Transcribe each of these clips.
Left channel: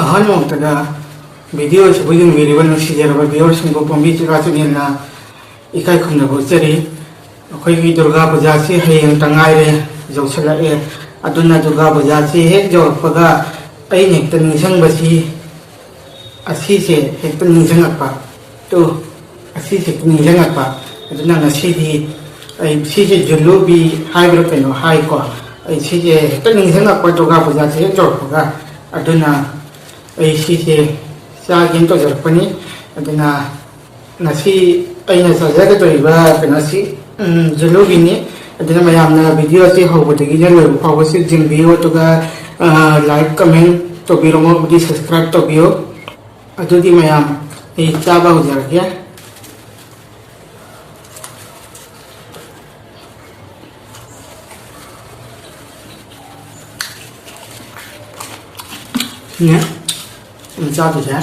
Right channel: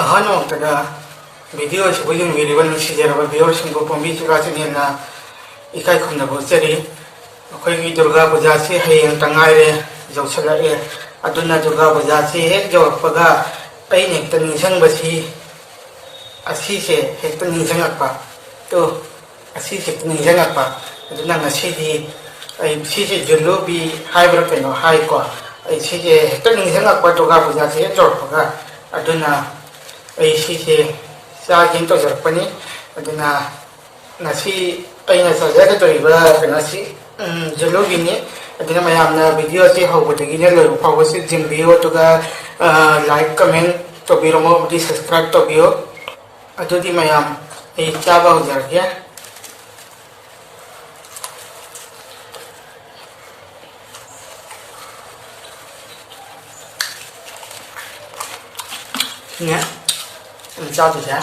ꯑꯍꯥꯟꯕꯃꯛꯇꯗ video ꯑꯁꯤꯕꯨ ꯌꯦꯡꯕꯤꯔꯤꯕ ꯅꯨꯡꯁꯤꯖꯔꯕ ꯚꯤꯌꯣꯔꯁꯤꯡꯕꯨ ꯄꯣꯝꯕꯤ ꯆꯨꯔꯥꯆꯥꯟꯌꯦꯜꯅ ꯏꯀꯥꯏ ꯈꯨꯝꯅꯕ ꯎꯠꯆꯔꯤ꯫ ꯑꯩꯈꯣꯏꯒꯤ ꯗꯨꯔꯒꯥ ꯄꯨꯖꯥꯁꯤ ꯍꯌꯦꯡꯇ ꯉꯥꯏꯔꯦ ꯌꯧꯁꯤꯜꯂꯛꯑꯦ꯫ ꯑꯗꯨꯅ ꯗꯨꯔꯒꯥ ꯄꯨꯖꯥꯁꯤ ꯍꯦꯛ ꯌꯧꯔꯛꯄꯒ ꯑꯩꯅ ꯍꯦꯛꯇ ꯅꯤꯡꯁꯤꯡꯕꯁꯤ ꯑꯁꯤꯁꯦ ꯍꯦꯛꯇ ꯅꯤꯡꯁꯤꯡꯉꯛꯄ ꯑꯁꯤꯁꯦ ꯍꯦꯛꯇ ꯅꯤꯡꯁꯤꯡꯉꯛꯄ ꯑꯗꯨꯅ ꯉꯁꯤꯗꯤ ꯑꯩ ꯁꯤꯁꯦ ꯖꯨꯂꯨꯕꯤ ꯍꯥꯏꯕ꯭ꯔꯥ ꯀꯩꯅꯣ ꯍꯥꯏꯀꯣ ꯑꯩ ꯁꯤꯁꯦ ꯍꯦꯛꯇ ꯅꯤꯡꯁꯤꯡꯉꯛꯄ ꯗꯨꯔꯒꯥ ꯄꯨꯖꯥꯁꯤ ꯍꯦꯛ ꯌꯧꯔꯛꯄꯒ ꯑꯗꯨꯅ ꯑꯩ ꯁꯤꯁꯦ ꯆꯥꯒꯦꯅ ꯇꯧꯖꯔꯛꯄꯅꯤ꯫ ꯑꯗꯨꯅ ꯉꯁꯤ ꯑꯩꯅ ꯆꯥꯖꯒꯗꯧꯔꯤꯕ ꯀꯩꯅꯣꯁꯤ ꯖꯨꯂꯨꯕꯤꯅꯤ꯫ ꯑꯗꯨꯅ ꯃꯌꯥꯝꯅ ꯚꯤꯗꯤꯑꯣ ꯑꯁꯤ ꯍꯧꯕꯗꯒꯤꯅ ꯂꯣꯏꯕ ꯐꯥꯎꯕꯁꯤ ꯌꯦꯡꯕꯤꯌꯨ ꯑꯗꯨꯒ ꯂꯥꯏꯛ ꯀꯃꯦꯟ ꯇꯧꯕꯤꯔꯝꯃꯣ ꯑꯃꯗꯤ ꯁꯕꯁꯀ꯭ꯔꯥꯏꯕ ꯇꯧꯕꯤꯌꯨ꯫ ꯑꯗꯨꯗꯤ ꯃꯌꯥꯝ ꯑꯩ ꯆꯥꯕ ꯍꯧꯖꯔꯒꯦ꯫ ꯁꯤꯅꯦ ꯆꯥꯗꯣꯏꯁꯦ꯫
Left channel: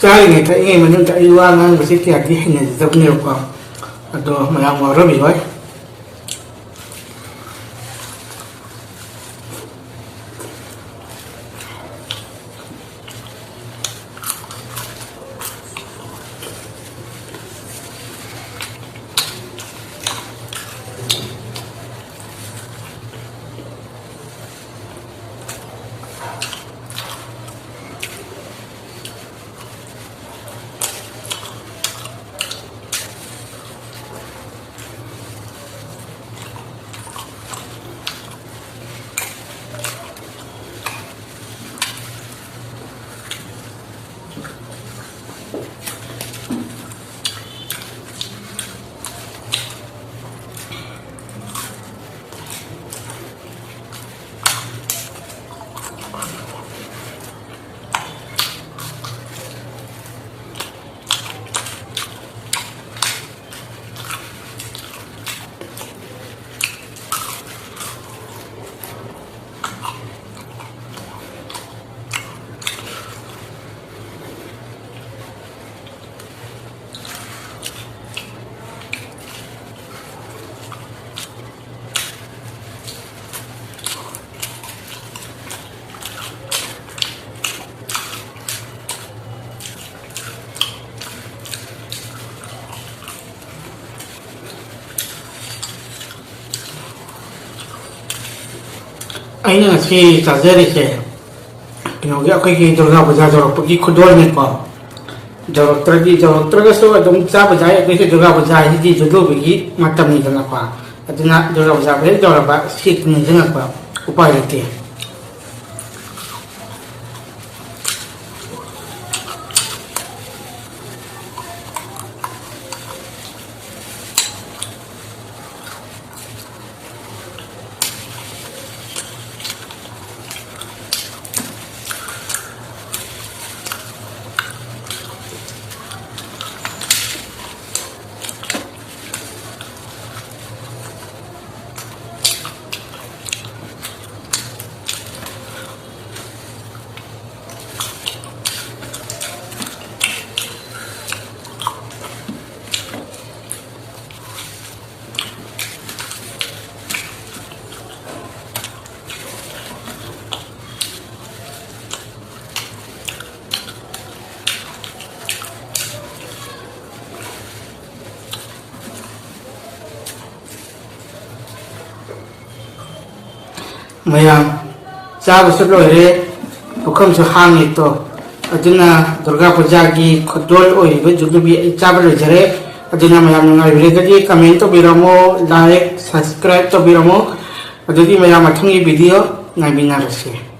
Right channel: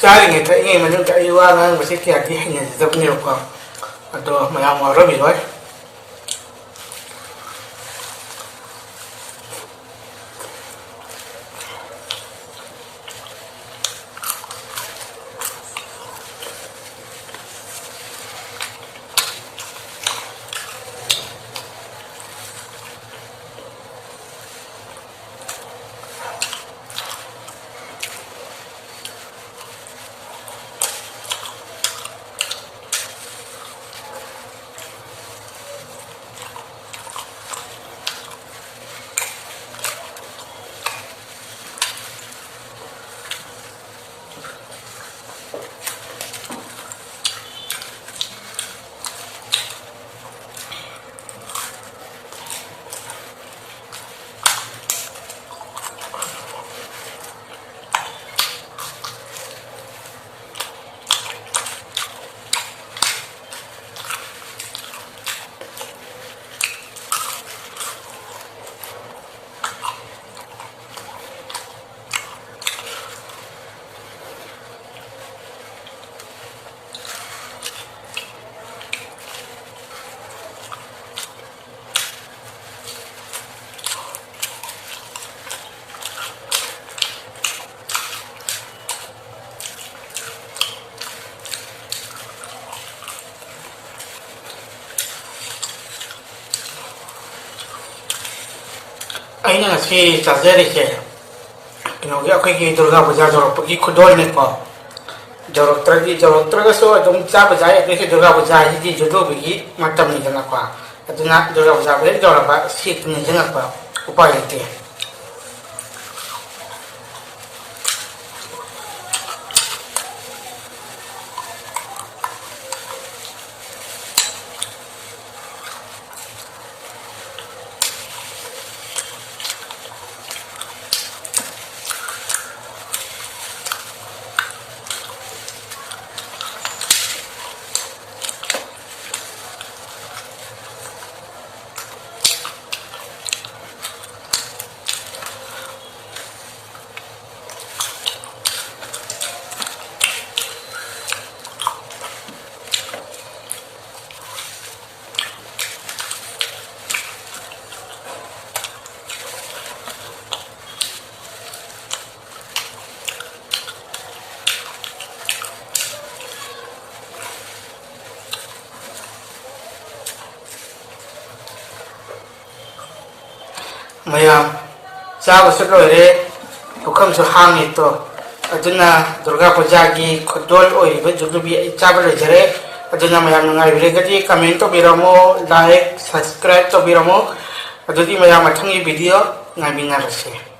ꯆꯥꯔꯤꯉꯩ ꯊꯛꯏꯉꯩ ꯃꯅꯨꯡꯗ ꯑꯩ ꯋꯥ ꯉꯥꯡꯕꯁꯤ ꯀꯌꯥꯗꯤ ꯍꯩꯅꯖꯗꯕꯅꯦꯕꯀꯣ ꯑꯗꯣ ꯃꯌꯥꯝ ꯋꯥꯔꯝꯃꯤꯔꯣꯏ꯫ ꯑꯩꯅ ꯉꯁꯤ ꯆꯥꯖꯔꯤꯁꯦ ꯀꯩꯅꯣꯒꯤ ꯑꯩꯈꯣꯏꯒꯤ ꯗꯨꯔꯒꯥ ꯄꯨꯖꯥ ꯌꯧꯔꯛꯄꯒꯤ ꯈꯨꯗꯣꯜꯅꯤꯀꯣ ꯌꯧꯔꯛꯇ꯭ꯔꯒꯁꯨ ꯑꯗꯨꯝ ꯆꯥꯕ ꯌꯥꯏ ꯑꯩꯈꯣꯏꯒꯤ ꯗꯨꯔꯒꯥ ꯄꯨꯖꯥ ꯍꯥꯏꯁꯤꯗꯤ ꯖꯨꯗꯣꯕꯒꯤ ꯃꯇꯝꯅꯤꯗꯅꯀꯣ ꯑꯗꯨꯅ ꯗꯨꯔꯒꯥ ꯄꯨꯖꯥ ꯍꯦꯛ ꯌꯧꯔꯛꯄ ꯁꯤ ꯅꯤꯡꯁꯤꯡꯉꯛꯄ ꯎꯄꯥꯏ ꯂꯩꯇꯦ ꯃꯌꯥꯝ ꯆꯥꯕꯁꯨ ꯂꯣꯏꯔꯦ ꯄꯨꯈꯝꯁꯨ ꯍꯥꯡꯉꯤ ꯇꯣ ꯑꯗꯨꯅ ꯗꯨꯔꯒꯥ ꯄꯨꯖꯥꯒꯤ ꯈꯨꯗꯣꯜ ꯑꯣꯏꯔꯤꯕ ꯖꯨꯂꯨꯕꯤ ꯑꯩ ꯆꯥꯕ ꯂꯣꯏꯖꯔꯦ ꯑꯗꯨꯅ ꯃꯌꯥꯝ ꯅꯨꯡꯉꯥꯏꯕꯤꯔꯒꯗꯤ ꯀꯃꯦꯟ ꯇꯧꯕꯤꯔꯝꯃꯣ ꯂꯥꯏꯛ ꯁꯕꯁꯀ꯭ꯔꯥꯏꯕ ꯇꯧꯕꯤꯔꯝꯃꯣ ꯑꯗꯨꯗꯤ ꯃꯌꯥꯝ ꯃꯊꯪꯒꯤ ꯚꯤꯗꯤꯑꯣ ꯉꯥꯏꯃꯤꯟꯅꯔꯁꯤ